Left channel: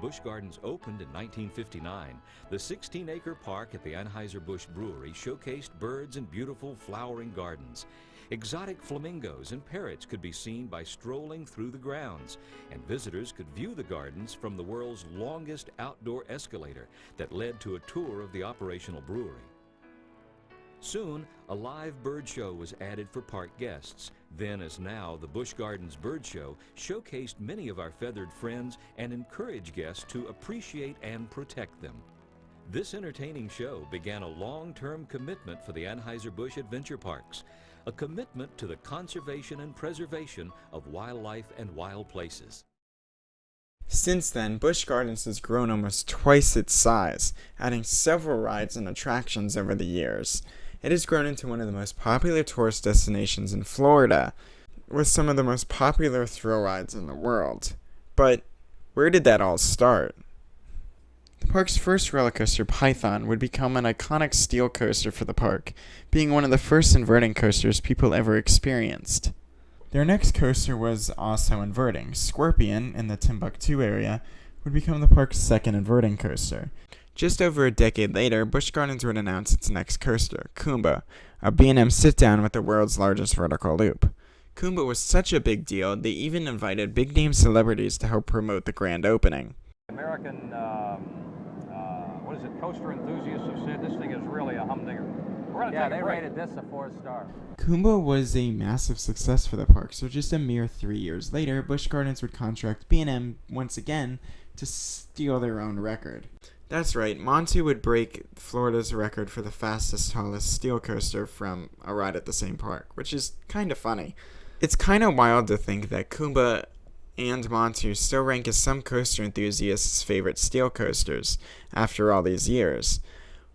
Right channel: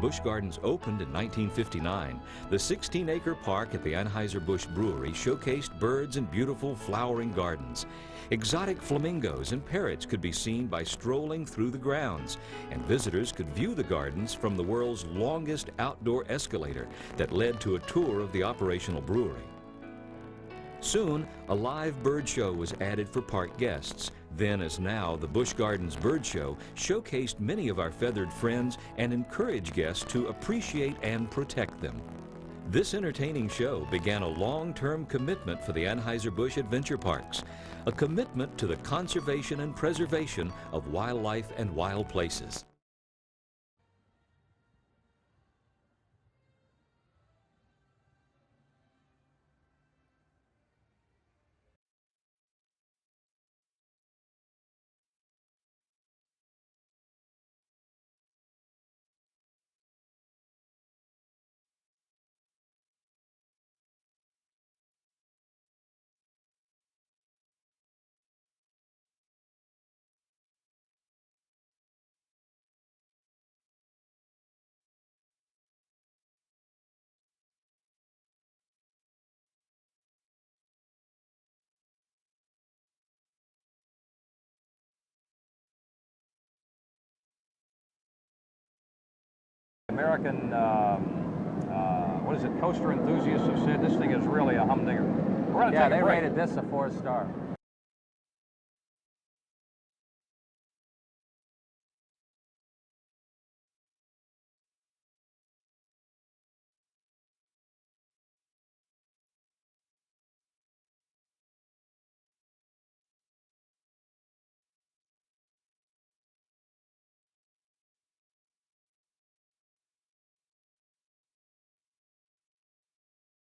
Busch Gardens opened in 1959, the 16-acre park at the Anheuser-Busch Brewery showcased birds and beautiful flowering gardens. Exotic flamingos and parrots could be seen by strolling through the grounds, and visitors could view the gardens from the world's longest outdoor escalator that led to a tour of the operational brewery. Soon, a live bird show was added for park guests. Then, as now, the Busch Gardens Bird Show showcased many of our feathered friends and encouraged guests to appreciate and protect them. This entertaining show began a long-term commitment for the Anheuser-Busch Adventure Parks, a commitment to the conservation and preservation of wildlife and wild places. Since then, Busch Gardens has grown almost twice its size, adding several rides and attractions over the years. It has grown into one of the most popular tourist destinations in Florida, with some of the most popular thrill rides in the world. But where did that all start? The park's first roller coaster, Python, would become an iconic steel coaster for the park, being one of the first inverting coasters people ever experienced. Their next coaster was also inverting. Scorpion, in the Timbuktu area, would become the park's second inverting coaster. Just over a decade later, Busch Gardens would announce its next coaster, Kumba, a B&M sit-down with the world's largest vertical loop. Kumba was such a big deal, they even invited big-name celebrities to help promote the grand opening. American, coaster enthusiasts have said this thing is really a humdinger. Yeah, they rated this a 4-star. Kumba was a massive success for the park, so just a mere 3 years later, Busch Gardens would contract B&M once again to steal their own record. That's right, Montu would break Florida's record for the fastest, tallest steel coaster from a ride at the same park, which is kind of funny. It's kind of wild to think that Kumba and Montu still rank as some coaster enthusiasts' favorite steel coasters after all these years.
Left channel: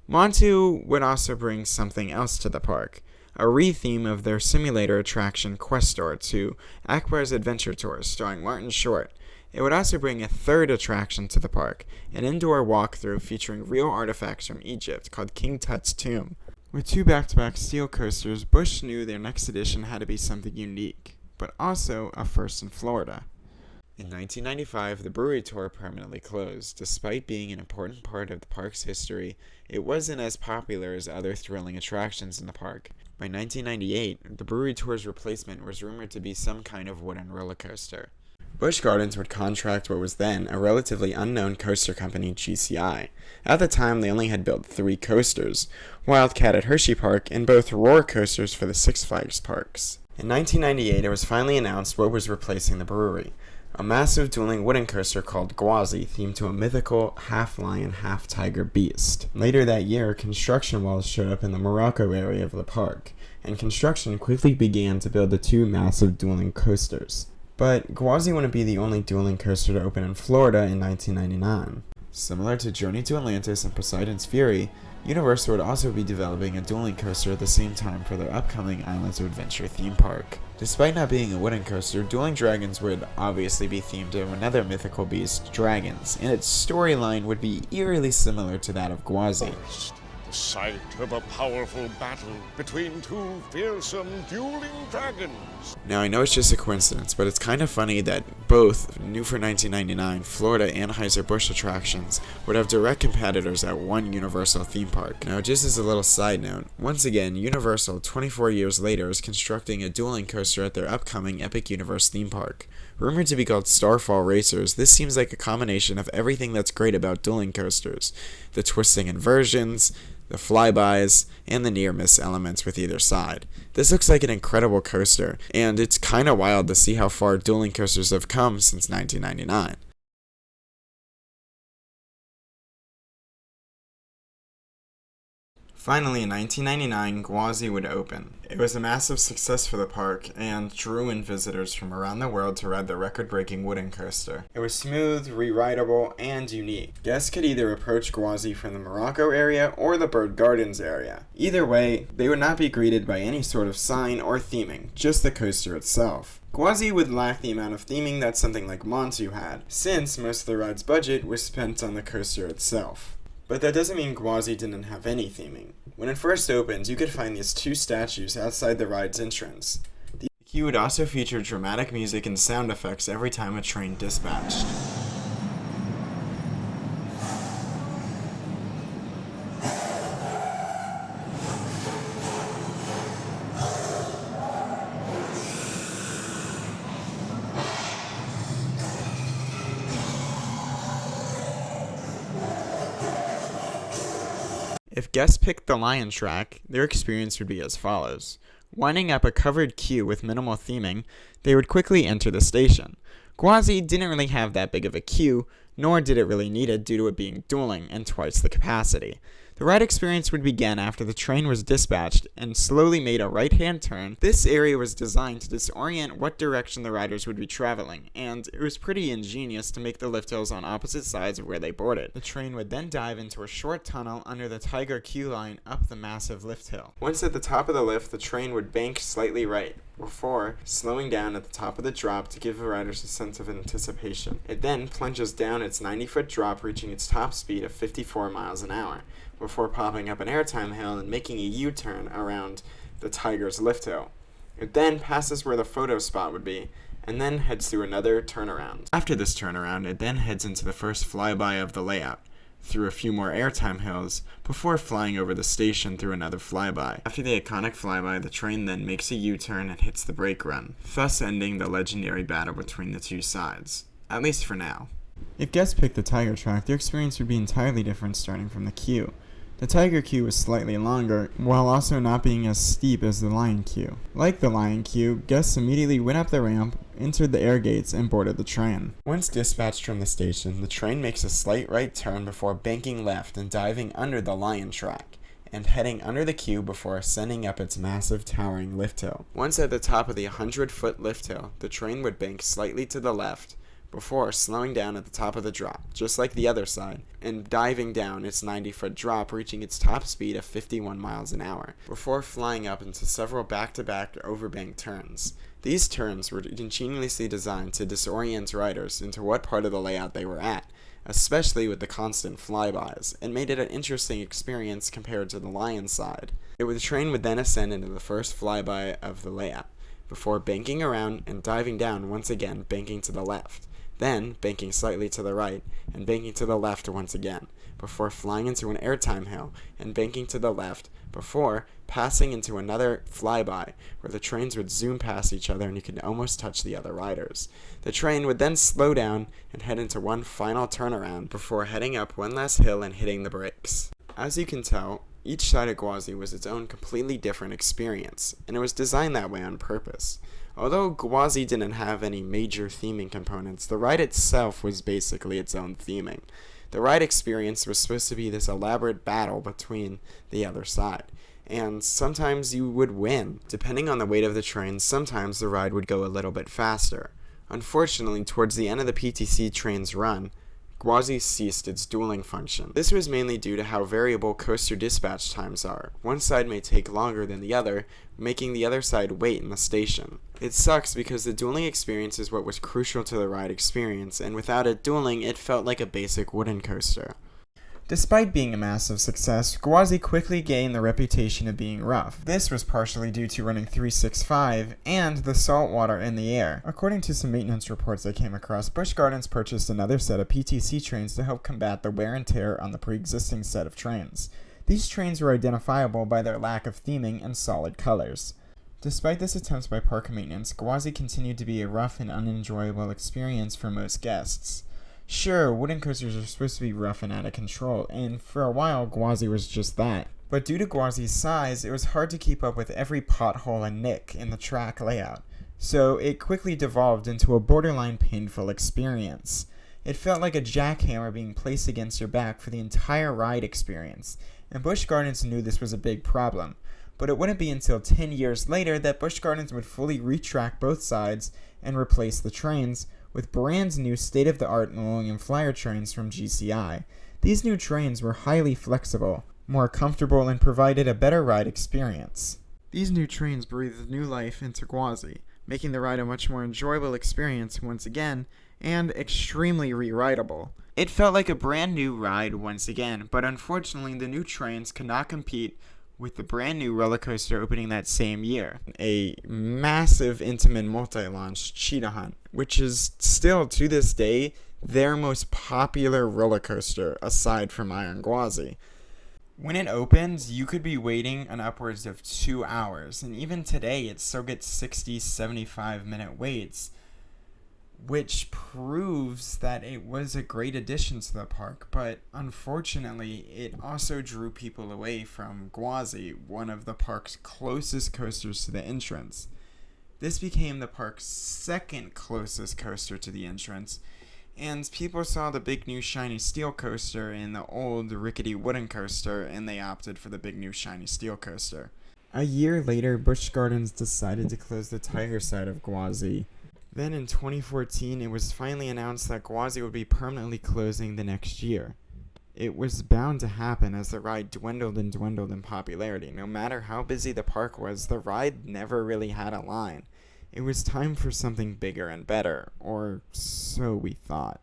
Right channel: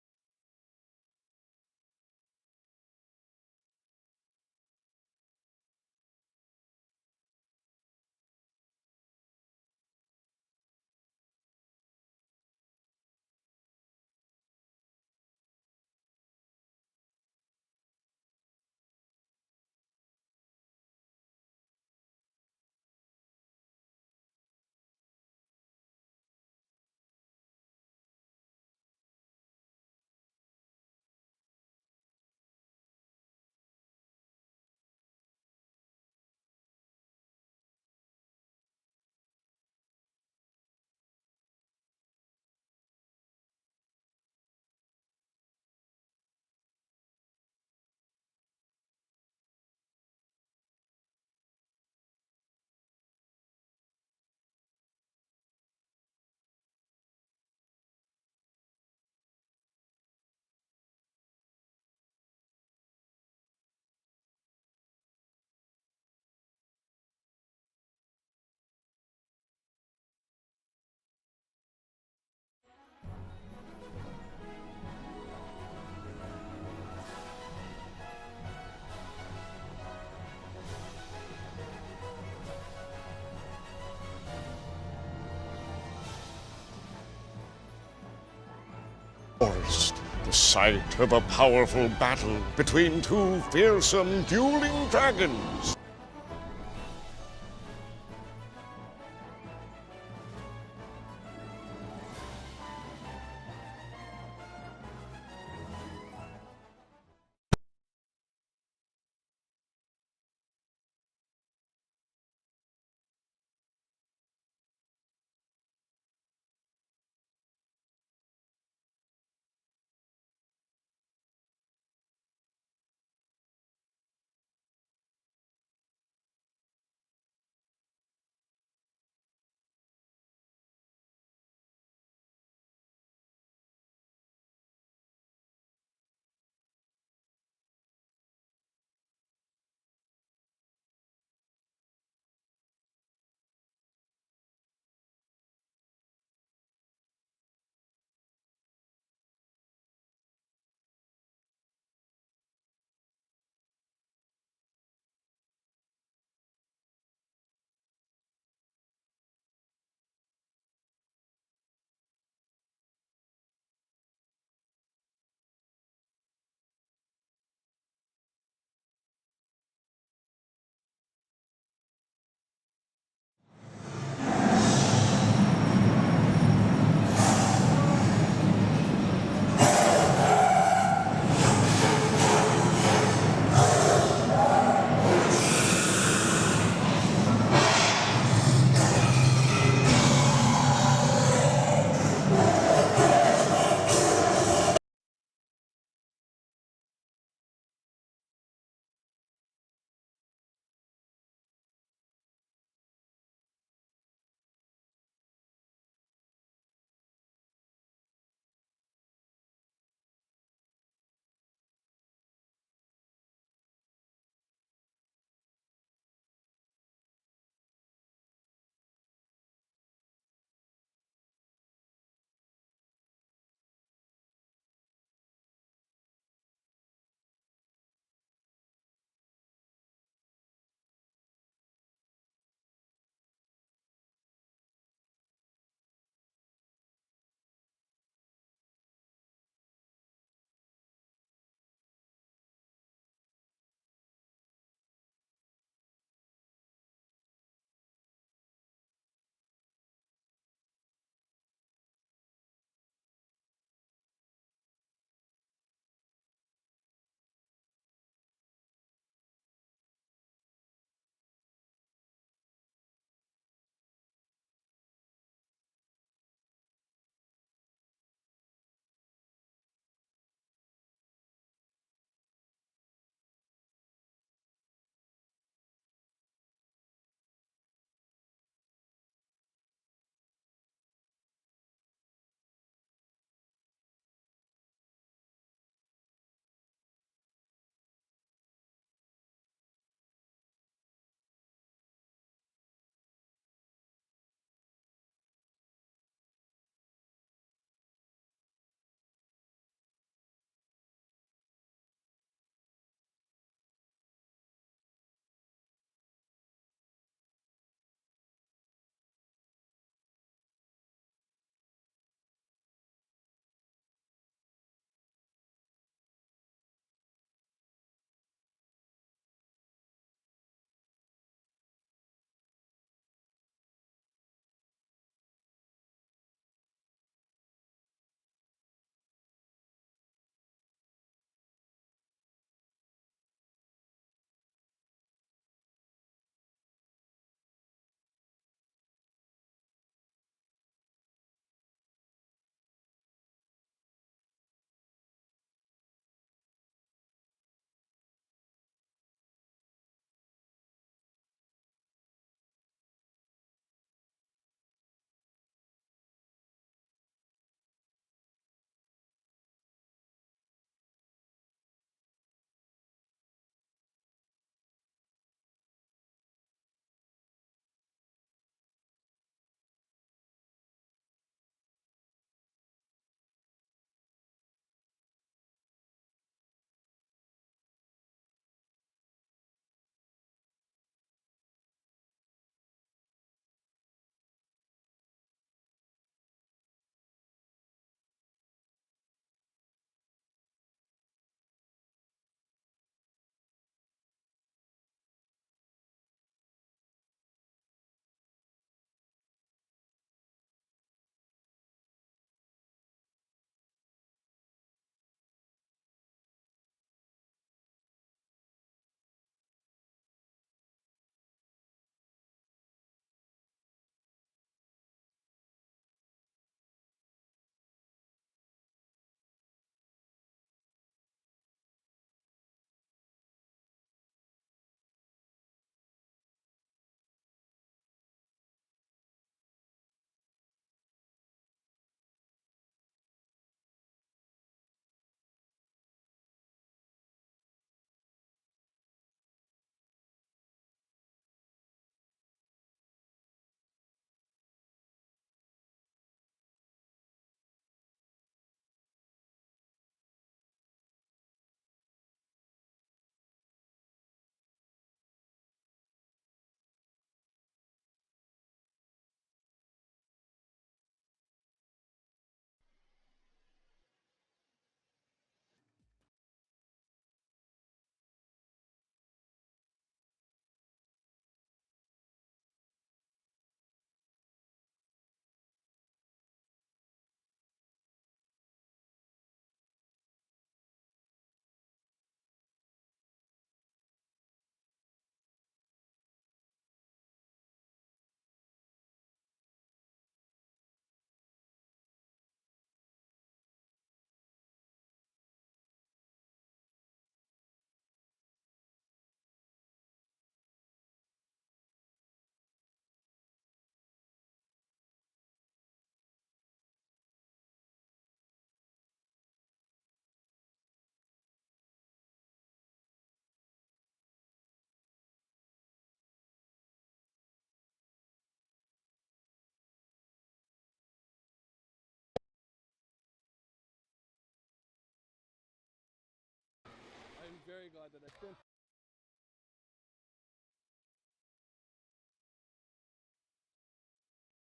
Montu would also bring something else to the park, a re-theme of their simulator attraction Questor to Akbar's Adventure Tour starring Martin Short. It would also bring a third attraction to the park, an indoor walkthrough featuring real artifacts from Egypt called King Tut's tomb. With two back-to-back steel coasters, Busch knew their next edition had to be something unique, but also a first in Florida. In 1995, the brewery tour permanently closed. Despite being an important part of the park's history, it wasn't as popular as other thrilling attractions in the park. By 1998, the brewery tour's replacement was rumored to be some kind of wooden roller coaster. Busch Gardens would contract what was then a relatively unknown coaster company, GCI. At the time, they only had built 3 coasters, Wildcat at Hershey Park and both roller coasters for the Six Flags parks. In 1998, it was finally announced what was replacing the brewery, a massive dueling wooden coaster called Gwazi, themed to a mythical half-lion, half-tiger beast. Later that year, construction walls showed up in the Morocco area of the park, and construction quickly began to build the 2 massive dueling coasters. But Gwazi wouldn't be the only dueling coaster to open in Florida in 1999. Similar to Journey to Atlantis and Poseidon's Fury, Universal would also be developing a dueling coaster at the same time for their upcoming Islands of Adventure theme park. Despite not being a wooden coaster, Dueling Dragons would obviously be themed to another mythical beast, dragons, and its storyline would be eerily similar to that of Gwazi. Forest, the site of a powerful battle between 2 fearsome dueling dragons. Now, I know it's just a coincidence, but it's kind of funny that both new for 1999 Florida Anheuser-Busch attractions would have direct competitors at one Universal theme park. Now, just as a little side note, once again, Universal, 24 years later, is constructing a dueling coaster at their upcoming Epic Universe theme park. Rumored to be called Starfall Racers, this seems like a combination of everything that's great about dueling coasters. The twisting inversions, the flybys, and the near-miss elements with either side. This looks like an incredible coaster, and it's kinda wild to see how far dueling coasters have come since 1999. Finally, in 1999, Gwazi would open. It was a massive success for the park and drew in visitors from around the world to ride the record-breaking wooden coaster. It was smooth, re-rideable, and unique. Guests could either approach Gwazi from the Morocco area or the Bird Gardens area. Either way, they would not be greeted by any sort of sign or theming, just the coaster itself. Gwazi would lack the amount of theming that something like Montu had, since most of the ride's budget was spent on the coaster itself. But that doesn't mean Gwazi didn't have any theming. When it first opened, you could find these 2 statues outside the ride's entrance. The queue would also feature dramatic music and sound effects every time a train dispatched. If guests picked the Lion track, their experience would be as follows. Winding up a covered queue with minimal theming, they would quickly enter the station. Gwazi didn't really have that big of a queue, nor did it really need it due to it being dueling and twice the capacity. The ride experience would begin after the train was dispatched and slowly made a right-hand turn. This area was designed to disorient what direction the riders would be traveling, and it was pretty ingenious to make the lift hills on opposite sides of where they boarded. The train would then dive into a short tunnel under the Tiger queue line up the massive lift hill. Once at the top of the lift, the train would bank slightly right, before slowing down at the top of the drop to give the riders a sense of anticipation. It then plunges down its 90-foot drop, reaching its top speed of 54 miles an hour, before popping up an airtime hill and making a U-turn around the Tiger's lift hill. It then passes where the photo spot would be, and then heads through another turnaround. After this turnaround, it then heads into the first flyby of the layout, through a few more airtime hills, before flying over the station through another flyby. After the iconic flyby, the train then makes a U-turn and hits the brake run, thus ending the legendary battle between the two sides, at least for now. If guests picked the Tiger track, their experience would be entirely different starting from the queue. The Tiger queue was slightly longer, while also not being as steep as the Lion queue. Like the Lion queue, guests immediately went up the ramp, entered the air gates, and boarded the train. Once dispatched from the station, the train makes a slight right turn before banking left and diving under the Lion track, and heading under the queue before ascending up its massive towering lift hill. Once at the top of the 100-foot lift hill, the train would bank slightly to the left, before slowing down at the top of the drop, just like the other side, and diving down its 90-foot drop, reaching its top speed of 51 miles an hour, before flying up into several back-to-back overbank turns. These turns were ingeniously designed to disorient riders into what part of the layout they were at, especially with the constant flybys, and made it an interesting experience compared to the Lion side. The train would then ascend into the first flyby of the layout, before banking around and diving down once again, banking to the left. Then banking slightly to the right, and banking to the left once again, before flying into an airtime hill, and banking to the left, before passing into another flyby, where the trains would zoom past each other and you could almost touch the other riders. The train would then slow down and head into one final turnaround, before heading up one last hill and hitting the brakes. As you can tell, each side of Gwazi was its own completely different experience, and it was designed that way on purpose. Although Gwazi didn't have any major theming components, the ride itself was basically its own theming. The ride experience was supposed to be this elaborate battle between the other side, and sometimes you would win. Depending on the weight of the train, sometimes the ride would go a little bit faster. Unfortunately, towards the end of the PTC train's run, Gwazi ceased its dueling function. This was mainly due to how variable coaster dispatch times are. One side may take longer than the other, making the other side wait in the station. It sucks because the dueling experience is what was crucial to the ride experience, and without it dueling, it felt like a basic wooden coaster. Despite being a massive success, Gwazi quickly gained the reputation of being rough. This was partially due to running 365 and the salt water in the air. According to some maintenance reports I came across, Busch Gardens purchased another set of PTC trains to help combat the wear and tear on the pre-existing set of trains. These trains were identifiable by their lack of theming and solid colors. Despite this attempt by park maintenance, Gwazi continued to be a rough and unenjoyable experience for most guests. Sure, wooden coasters are supposed to be rough and out of control, and for a while Gwazi was just that. But due to Gwazi's size, it was hard to keep up with every pothole and nick in the track layout, so it quickly devolved into a borderline painful experience. It felt like a jackhammer being placed against your back for the entire ride experience, and Busch Gardens knew this was a big problem. But it wouldn't be until 10 years later that Busch Gardens would fully retrack both sides and replace the trains with brand new state-of-the-art Millennium Flyer trains from GCI. These new trains were highly flexible, more comfortable, and provided a better ride experience. These new trains breathed new life into Gwazi, making the ride a much more enjoyable experience once again, and extremely re-rideable. It felt like a brand new ride once again, but unfortunately the new trains could not compete with the brand new roller coaster opening that same year, a massive Intamin multi-launch Cheetah Hunt, which is still to this day their most popular roller coaster aside from Iron Gwazi. When it opens, you could be waiting an upwards of 2 hours, and even today it still gets 60-75 minute waits, which proves that it was a great addition to the park, but unfortunately, it also drew people away from Gwazi, one of the park's closest coasters to the entrance. This became the park's second closest coaster to the entrance, and people saw the big new shiny steel coaster and the old rickety wooden coaster, and they opted for the big new shiny steel coaster. A year later, Busch Gardens decided to close the tiger side of Gwazi. Then in 2014, it was finally announced that Gwazi would be permanently closing the next year. It was bound to happen as the ride dwindled and dwindled in popularity. No matter how busy the park was, the ride never really had a line. It was time for something bigger and better, or so we thought.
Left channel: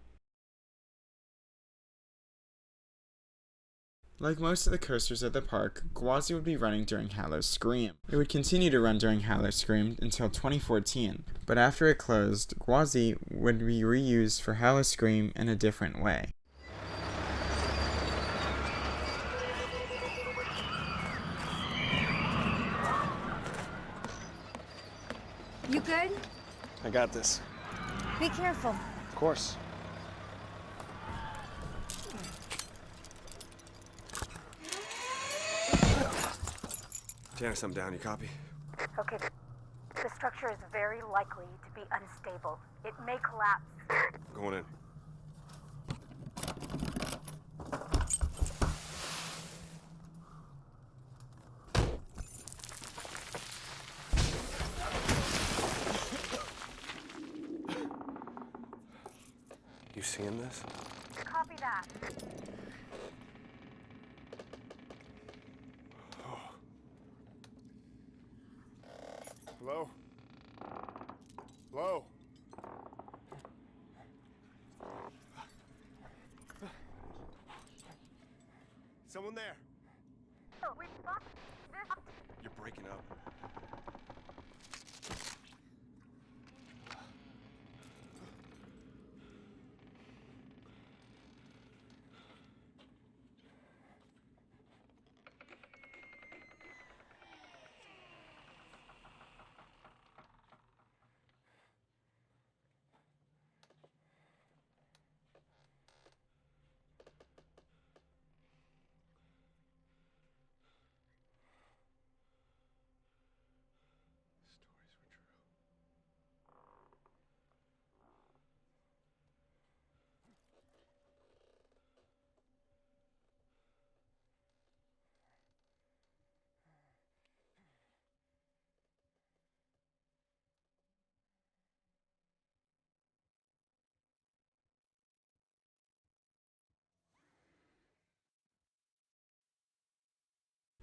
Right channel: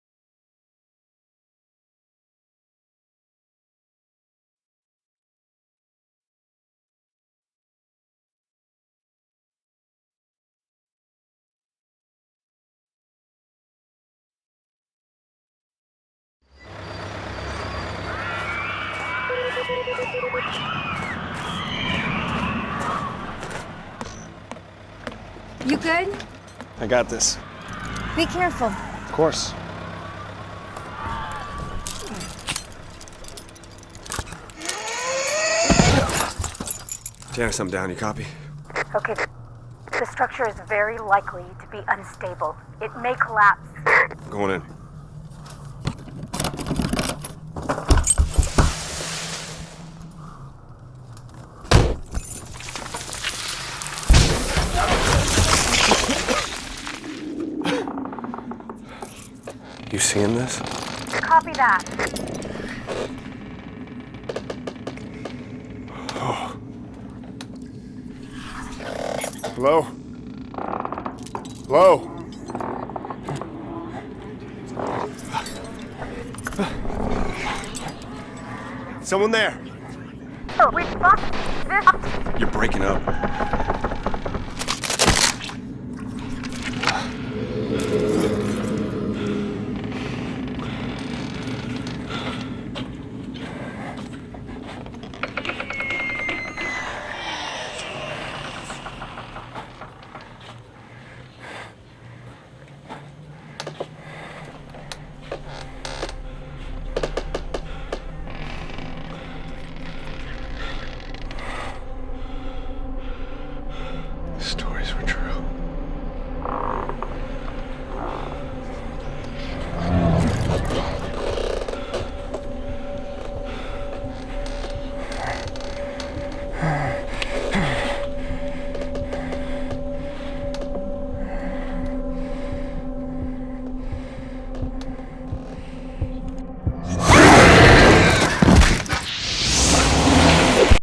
Like most of the coasters at the park, Gwazi would be running during Howl-O-Scream. It would continue to run during Howl-O-Scream until 2014, but after it closed, Gwazi would be reused for Howl-O-Scream in a different way. You good? I got this. Be careful. Of course. Tear something down, you copy? Okay. The structure is very likely to be unstable. It may collapse. Going in. You seeing this? Copy that. Oh. Hello? Hello? Someone there? Oh, we fucked this. You're breaking up. Stories were true.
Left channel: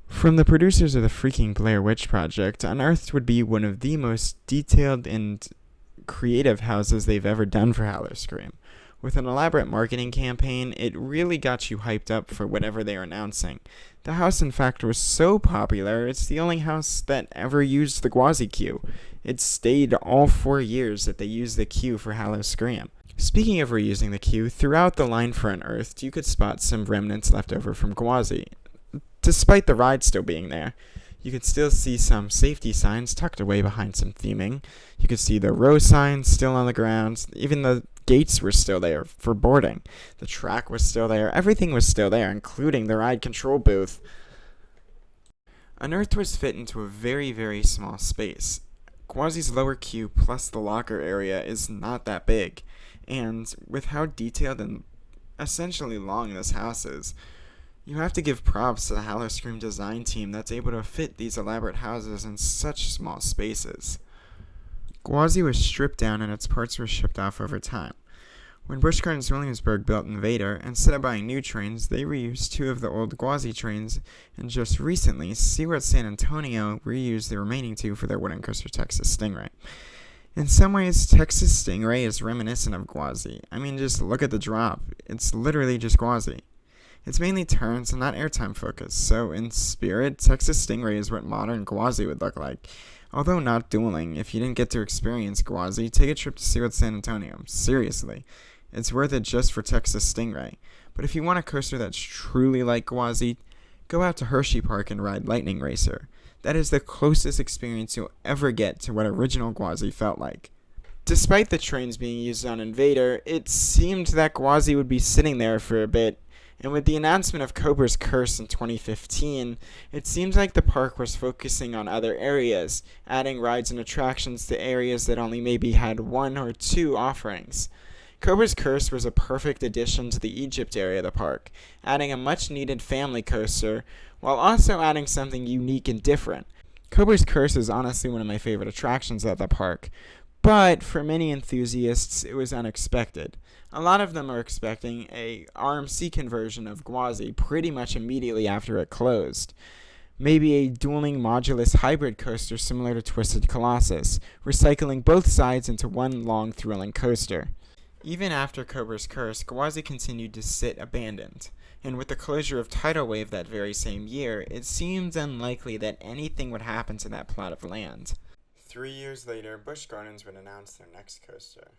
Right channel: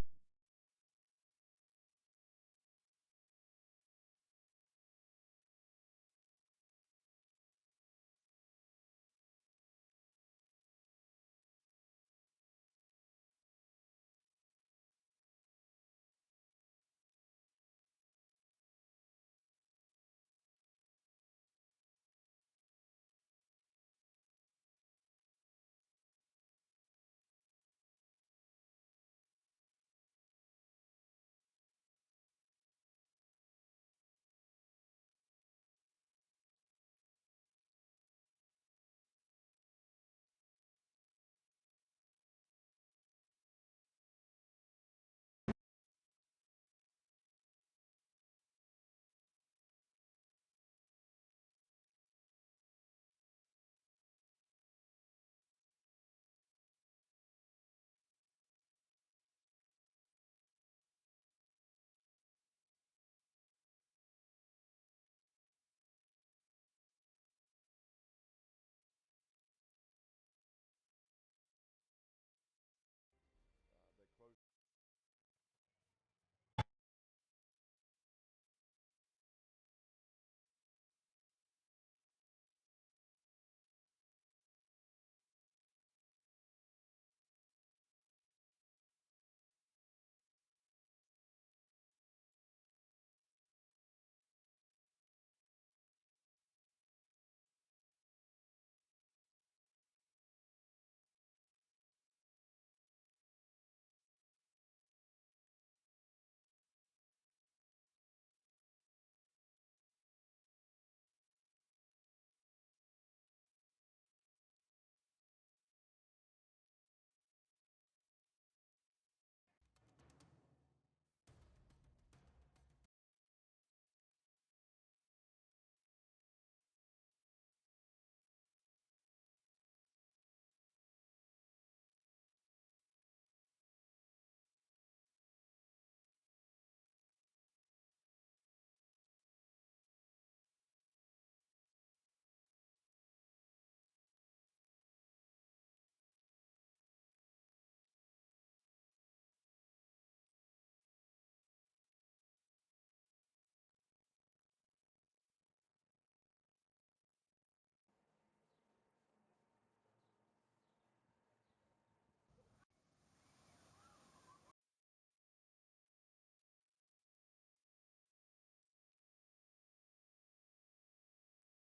From the producers of the freaking Blair Witch Project, Unearthed would be one of the most detailed and creative houses they've ever done for Howl-O-Scream. With an elaborate marketing campaign, it really got you hyped up for whatever they were announcing. The house, in fact, was so popular, it's the only house that ever used the Gwazi queue. It stayed all 4 years that they used the queue for Howl-O-Scream. Speaking of reusing the queue, throughout the line for Unearthed, you could spot some remnants left over from Gwazi. Despite the ride still being there, you could still see some safety signs tucked away behind some theming. You could see the row signs still on the ground. Even the gates were still there for boarding. The track was still there. Everything was still there, including the ride control booth. Unearthed was fit into a very, very small space. Gwazi's lower queue plus the locker area is not that big. And with how detailed and essentially long this house is, you have to give props to the Howl-O-Scream design team that's able to fit these elaborate houses in such small spaces. Gwazi was stripped down and its parts were shipped off over time. When Busch Gardens Williamsburg built Invader, instead of buying new trains, they reused 2 of the old Gwazi trains, and just recently, Seaworld San Antonio reused the remaining 2 for their wooden coaster Texas Stingray. In some ways, Texas Stingray is reminiscent of Gwazi. I mean, just look at the drop. It's literally just Gwazi. It's mainly turns and not airtime focused, so in spirit, Texas Stingray is what modern Gwazi would look like. Although not dueling, if you didn't get to experience Gwazi, take a trip to Seaworld San Antonio. Seriously. It's worth it just for Texas Stingray. But if you want a coaster that's truly like Gwazi, go out to Hershey Park and ride Lightning Racer. That is the closest experience you'll ever get to what original Gwazi felt like. Despite the trains being used on Invader, it seemed that Gwazi would be sitting there for a bit, and with the announcement of Cobra's Curse in 2015, it seemed like the park was focusing on other areas, adding rides and attractions to areas that only maybe had 1 or 2 offerings. Cobra's Curse was a perfect addition to the Egypt area of the park, adding a much-needed family coaster, while also adding something unique and different. Cobra's Curse is honestly one of my favorite attractions at the park, but for many enthusiasts, it was unexpected. A lot of them are expecting a RMC conversion of Gwazi pretty much immediately after it closed. Maybe a dueling modulus hybrid coaster similar to Twisted Colossus, recycling both sides into one long thrilling coaster. Even after Cobra's Curse, Gwazi continued to sit abandoned, and with the closure of Tidal Wave that very same year, it seemed unlikely that anything would happen to that plot of land. 3 years later, Busch Gardens would announce their next coaster.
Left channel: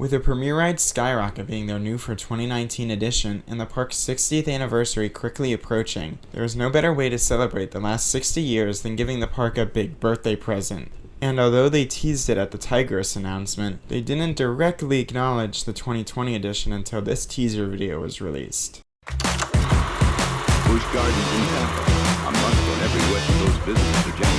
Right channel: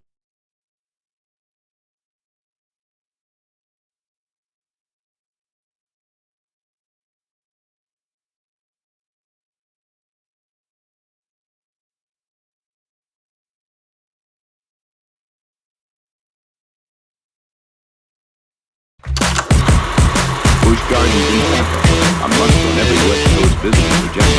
With the premiere ride Skyrocket being their new for 2019 edition and the park's 60th anniversary quickly approaching, there is no better way to celebrate the last 60 years than giving the park a big birthday present. And although they teased it at the Tigris announcement, they didn't directly acknowledge the 2020 edition until this teaser video was released. Busch Gardens Tampa, a month when every West Coast business rejected.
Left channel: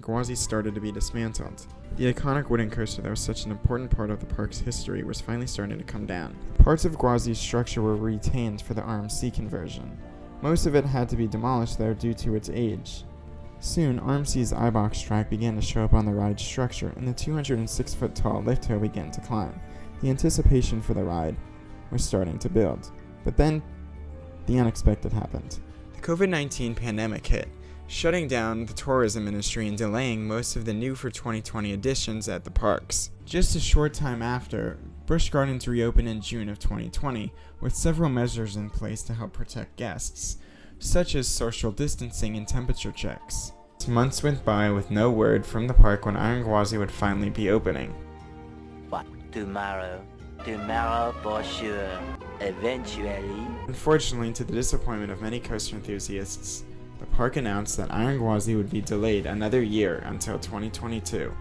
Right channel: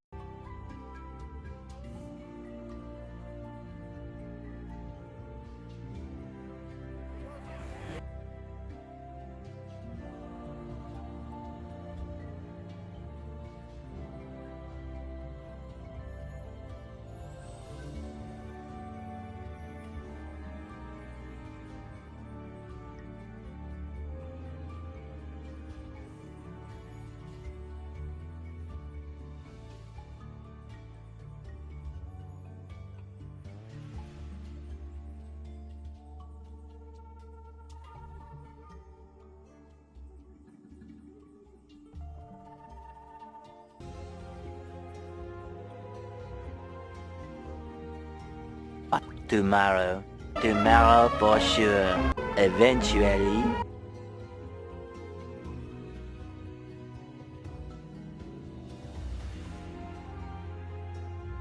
Gwazi started to be dismantled. The iconic wooden coaster that was such an important part of the park's history was finally starting to come down. Parts of Gwazi's structure were retained for the RMC conversion. Most of it had to be demolished though due to its age. Soon, RMC's I-box track began to show up on the ride's structure and the 206-foot tall lift hill began to climb. The anticipation for the ride was starting to build. But then, the unexpected happened. The COVID-19 pandemic hit, shutting down the tourism industry and delaying most of the new for 2020 editions at the parks. Just a short time after, Busch Gardens reopened in June of 2020 with several measures in place to help protect guests, such as social distancing and temperature checks. Months went by with no word from the park when Iron Gwazi would finally be opening. But tomorrow for sure, eventually. Unfortunately, to the disappointment of many coaster enthusiasts, the park announced that Iron Gwazi would be delayed another year until 2022.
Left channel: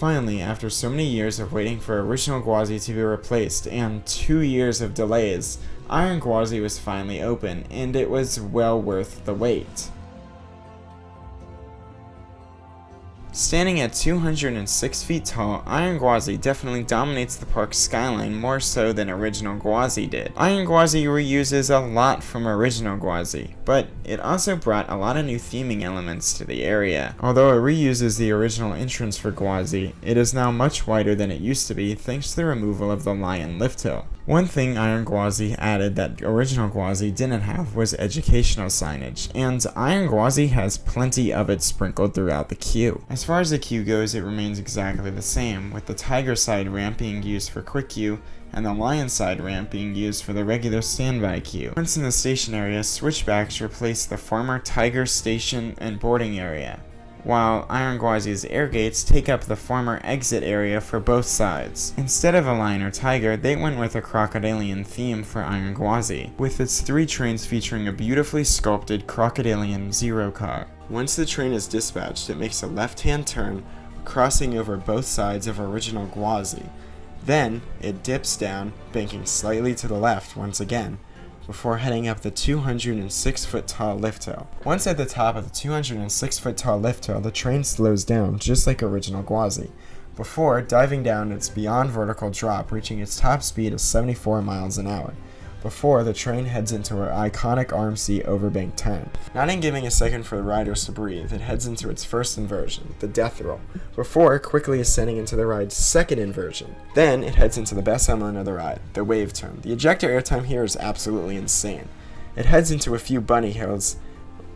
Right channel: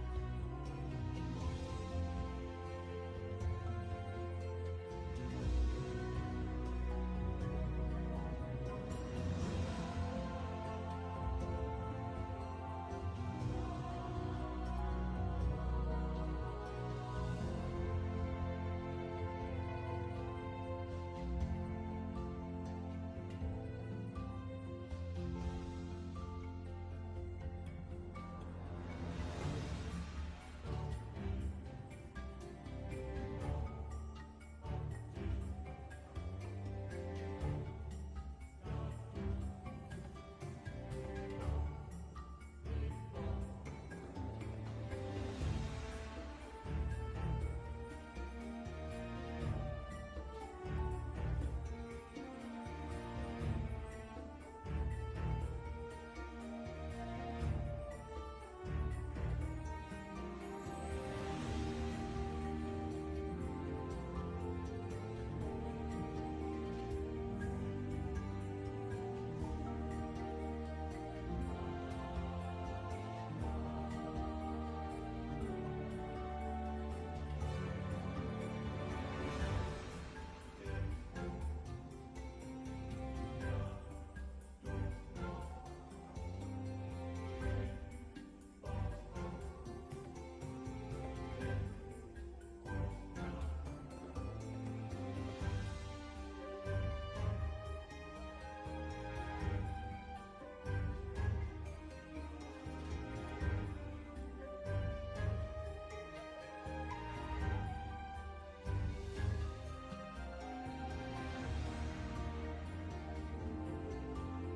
Finally, after so many years of waiting for original Gwazi to be replaced and 2 years of delays, Iron Gwazi was finally open, and it was well worth the wait. Standing at 206 feet tall, Iron Gwazi definitely dominates the park's skyline more so than original Gwazi did. Iron Gwazi reuses a lot from original Gwazi, but it also brought a lot of new theming elements to the area. Although it reuses the original entrance for Gwazi, it is now much wider than it used to be thanks to the removal of the lion lift hill. One thing Iron Gwazi added that original Gwazi didn't have was educational signage, and Iron Gwazi has plenty of it sprinkled throughout the queue. As far as the queue goes, it remains exactly the same, with the Tiger side ramp being used for quick queue, and the Lion side ramp being used for the regular standby queue. Once in the station area, switchbacks replace the former Tiger station and boarding area, while Iron Gwazi's air gates take up the former exit area for both sides. Instead of a lion or tiger, they went with a crocodilian theme for Iron Gwazi, with its 3 trains featuring a beautifully sculpted crocodilian zero car. Once the train is dispatched, it makes a left-hand turn, crossing over both sides of original Gwazi. Then, it dips down, banking slightly to the left once again, before heading up the 206-foot tall lift hill. Once at the top of the 206-foot tall lift hill, the train slows down, just like original Gwazi, before diving down its beyond vertical drop, reaching its top speed of 74 miles an hour, before the train heads into her iconic RMC overbank turn. Not even giving a second for the riders to breathe, it heads into its first inversion, the death roll, before quickly ascending into the ride's second inversion. Then it heads into the best element of the ride, the wave turn. The ejector airtime here is absolutely insane. It heads into a few bunny hills,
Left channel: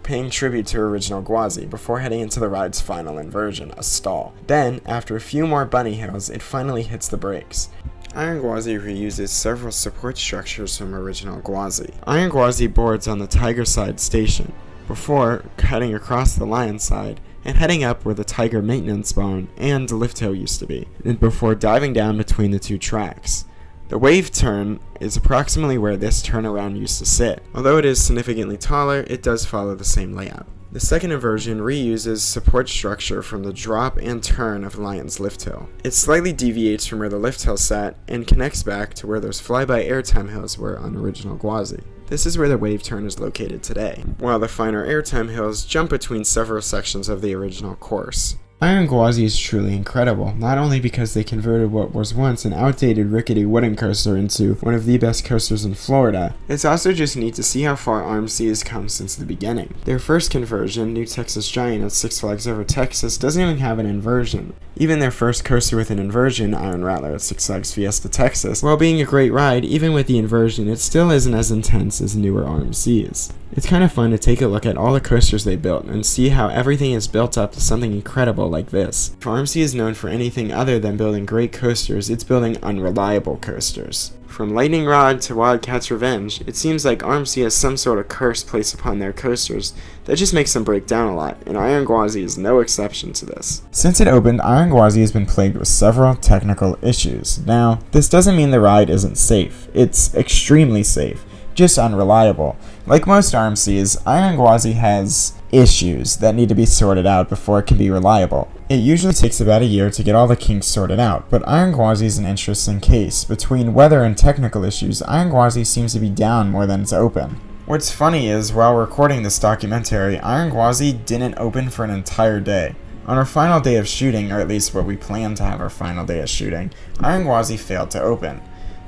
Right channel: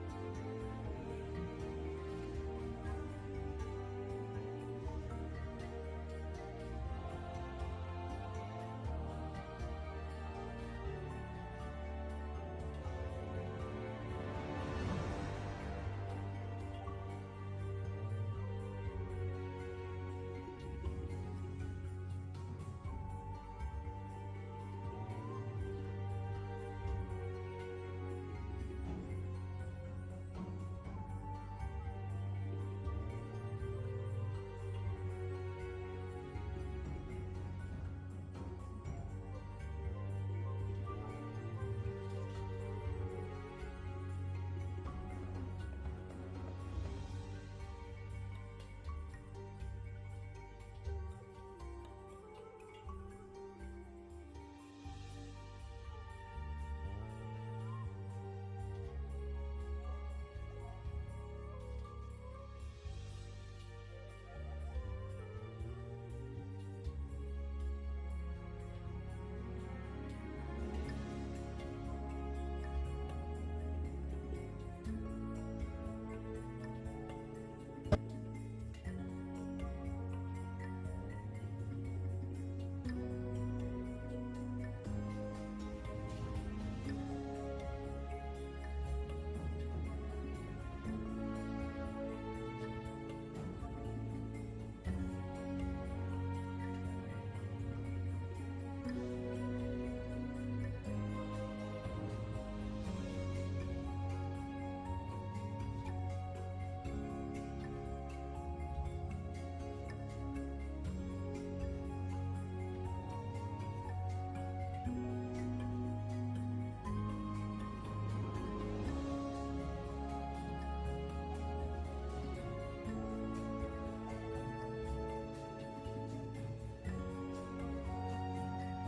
paying tribute to original Gwazi, before heading into the ride's final inversion, a stall. Then, after a few more bunny hills, it finally hits the brakes. Iron Gwazi reuses several support structures from original Gwazi. Iron Gwazi boards on the Tiger side station, before heading across the Lion side, and heading up where the Tiger maintenance barn and lift hill used to be, and before diving down between the 2 tracks. The wave turn is approximately where this turnaround used to sit. Although it is significantly taller, it does follow the same layout. The second inversion reuses support structure from the drop and turn of Lion's lift hill. It slightly deviates from where the lift hill sat and connects back to where those flyby airtime hills were on original Gwazi. This is where the wave turn is located today, while the finer airtime hills jump between several sections of the original course. Iron Gwazi is truly incredible, not only because they converted what was once an outdated rickety wooden coaster into one of the best coasters in Florida, it's also just neat to see how far RMC has come since the beginning. Their first conversion, New Texas Giant at Six Flags Over Texas, doesn't even have an inversion. Even their first coaster with an inversion, Iron Rattler at Six Flags Fiesta Texas, while being a great ride, even with the inversion, it still isn't as intense as newer RMCs. It's kind of fun to take a look at all the coasters they built and see how everything is built up to something incredible like this. If RMC is known for anything other than building great coasters, it's building unreliable coasters. From Lightning Rod to Wildcat's Revenge, it seems like RMC has some sort of curse placed upon their coasters that just makes them break down a lot, and Iron Gwazi is no exception to this. Since it opened, Iron Gwazi has been plagued with several technical issues. Now, this doesn't mean the ride isn't safe. It's extremely safe, just unreliable. Like most RMCs, Iron Gwazi has issues that need to be sorted out before it can be reliable. It usually takes about a year to get all the kinks sorted out, but Iron Gwazi is an interesting case. Between weather and technical issues, Iron Gwazi seems to be down more than it's open. What's funny is, while recording this documentary, Iron Gwazi didn't open for an entire day. On our final day of shooting, or at least what we planned to have our final day of shooting, Iron Gwazi failed to open.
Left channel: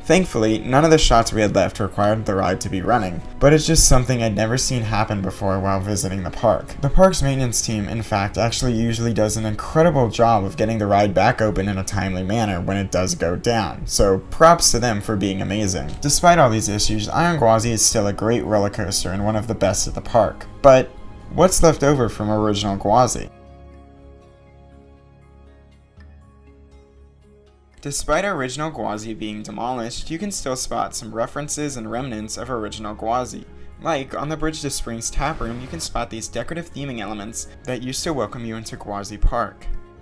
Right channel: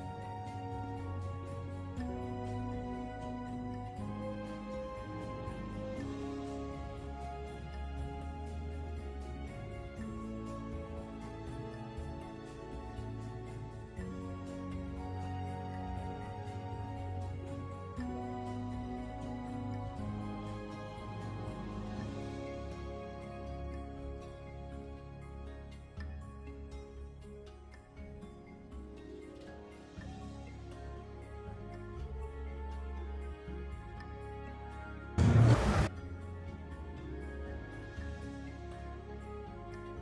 Thankfully, none of the shots we had left required the ride to be running, but it's just something I'd never seen happen before while visiting the park. The park's maintenance team, in fact, actually usually does an incredible job of getting the ride back open in a timely manner when it does go down, so props to them for being amazing. Despite all these issues, Iron Gwazi is still a great roller coaster and one of the best at the park. But what's left over from original Gwazi? Despite original Gwazi being demolished, you can still spot some references and remnants of original Gwazi. Like, on the Bridge to Springs tap room, you can spot these decorative theming elements that used to welcome you into Gwazi Park.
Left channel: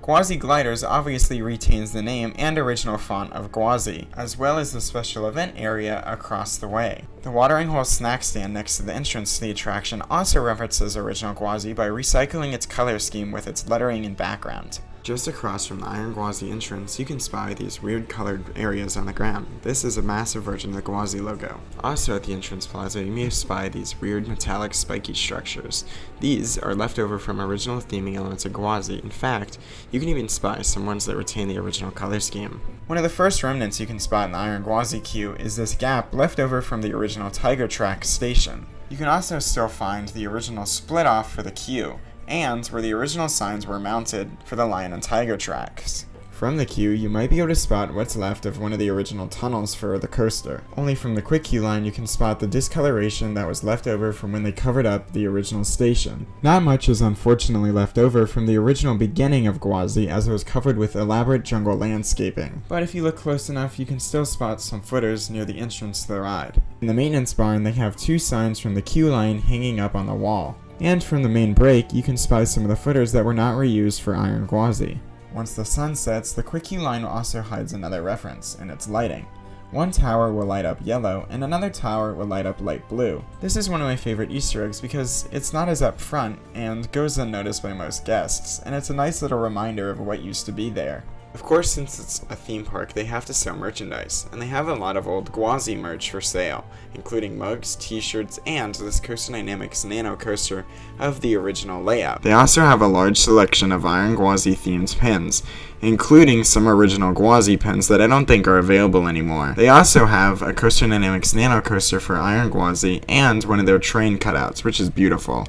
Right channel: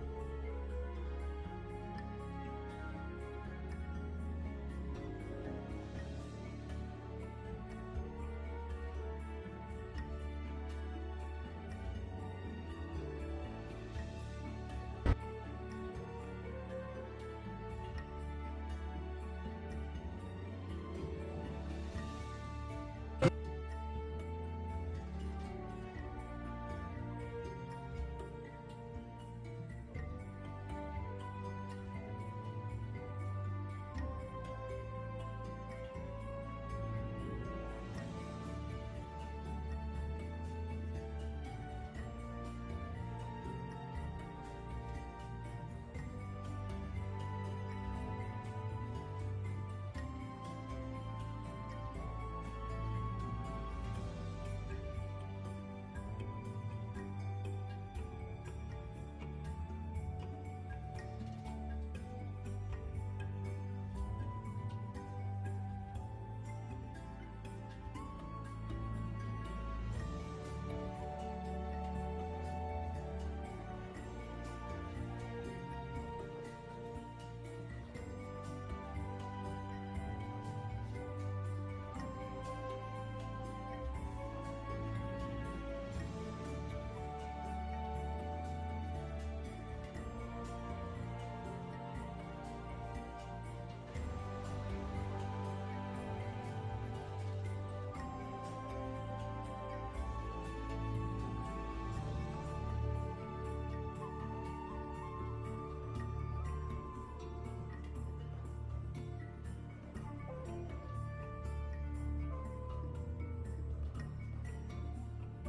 Gwazi Gliders obviously retains the name and original font of Gwazi, as well as the special event area across the way. The watering hole snack stand next to the entrance to the attraction also references original Gwazi by recycling its color scheme with its lettering and background. Just across from the Iron Gwazi entrance, you can spy these weird colored areas on the ground. This is a massive version of the Gwazi logo. Also at the entrance plaza, you may spy these weird metallic spiky structures. These are left over from original theming elements of Gwazi. In fact, you can even spy some ones that retain the original color scheme. One of the first remnants you can spot in the Iron Gwazi queue is this gap left over from the original Tiger Track station. You can also still find the original split off for the queue, and where the original signs were mounted for the Lion and Tiger tracks. From the queue, you might be able to spot what's left of one of the original tunnels for the coaster. Only from the quick queue line you can spot the discoloration that was left over from when they covered up the original station. Not much is unfortunately left over from the original beginning of Gwazi, as it was covered with elaborate jungle landscaping. But if you look close enough, you can still spot some footers near the entrance to the ride. In the maintenance barn, they have two signs from the queue line hanging up on the wall. And from the main break, you can spy some of the footers that were not reused for Iron Gwazi. Once the sun sets, the quick queue line also hides another reference in its lighting. One tower will light up yellow, and another tower will light up light blue. This is one of my favorite Easter eggs because it's not as up front and goes unnoticed by most guests, and it's a nice little reminder of what used to be there. Of course, since it's a theme park, they have to sell merchandise, and they have a lot of old Gwazi merch for sale, including mugs, t-shirts, and this Coaster Dynamics Nano Coaster of the original layout. They also have a large selection of Iron Gwazi themed pins, including some original Gwazi pins that I don't think are available anymore. They also have a Coaster Dynamics Nano Coaster for Iron Gwazi and one of their train cutouts, which is beautiful.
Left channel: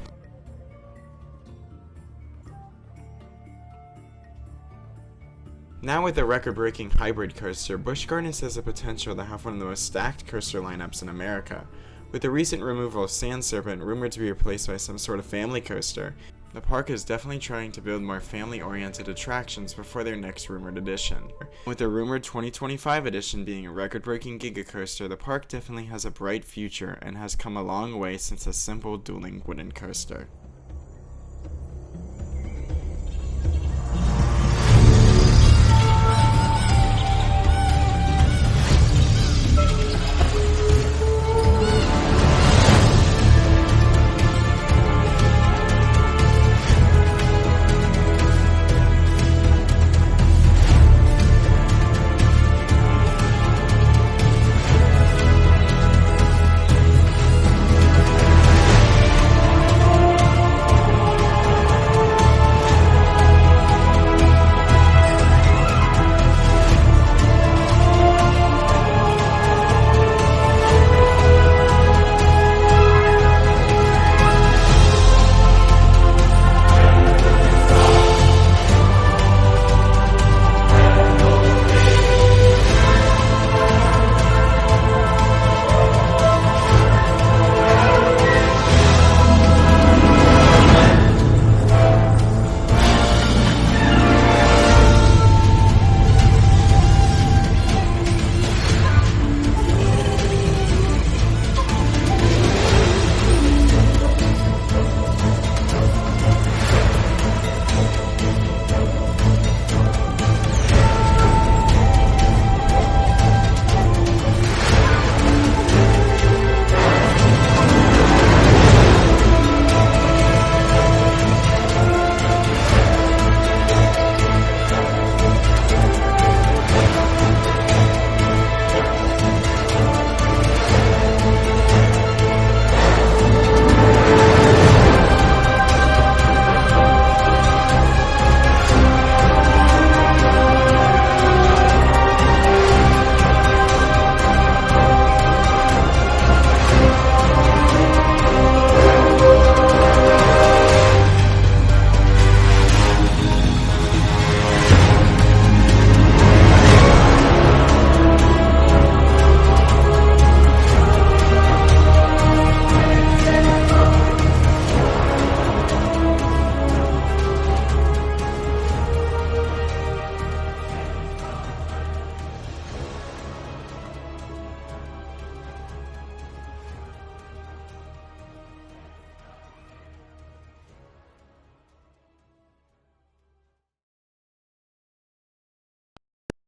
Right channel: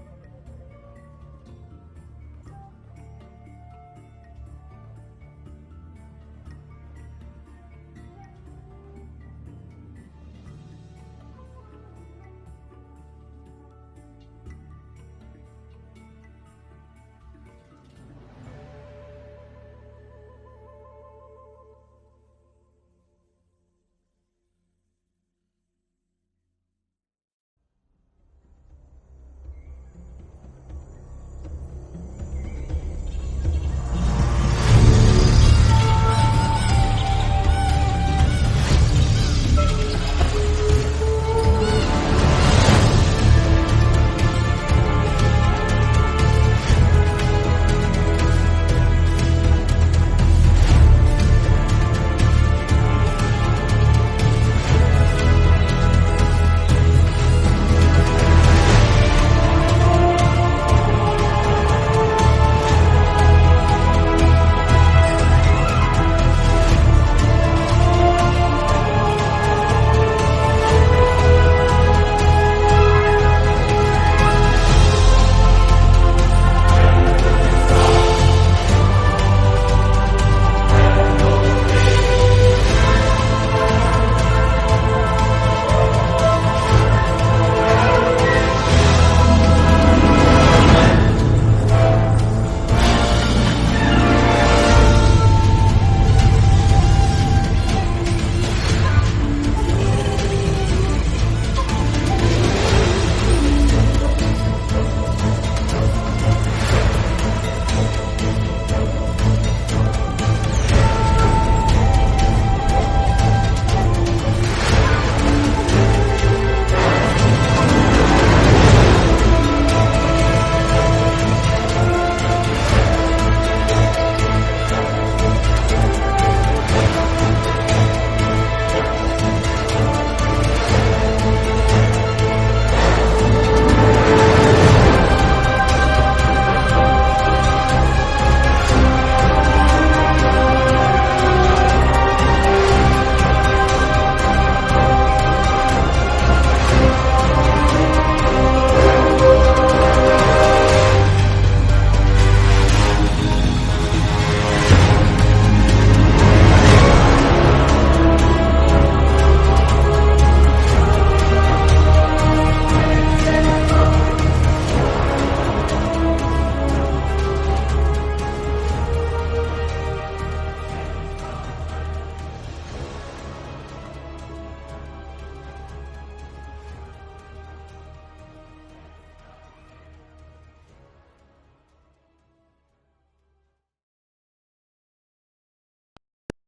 Now with the record-breaking hybrid coaster, Busch Gardens has the potential to have one of the most stacked coaster lineups in America. With the recent removal of Sand Serpent rumored to be replaced by some sort of family coaster, the park is definitely trying to build more family-oriented attractions before their next rumored edition. With the rumored 2025 edition being a record-breaking Giga Coaster, the park definitely has a bright future and has come a long way since a simple dueling wooden coaster.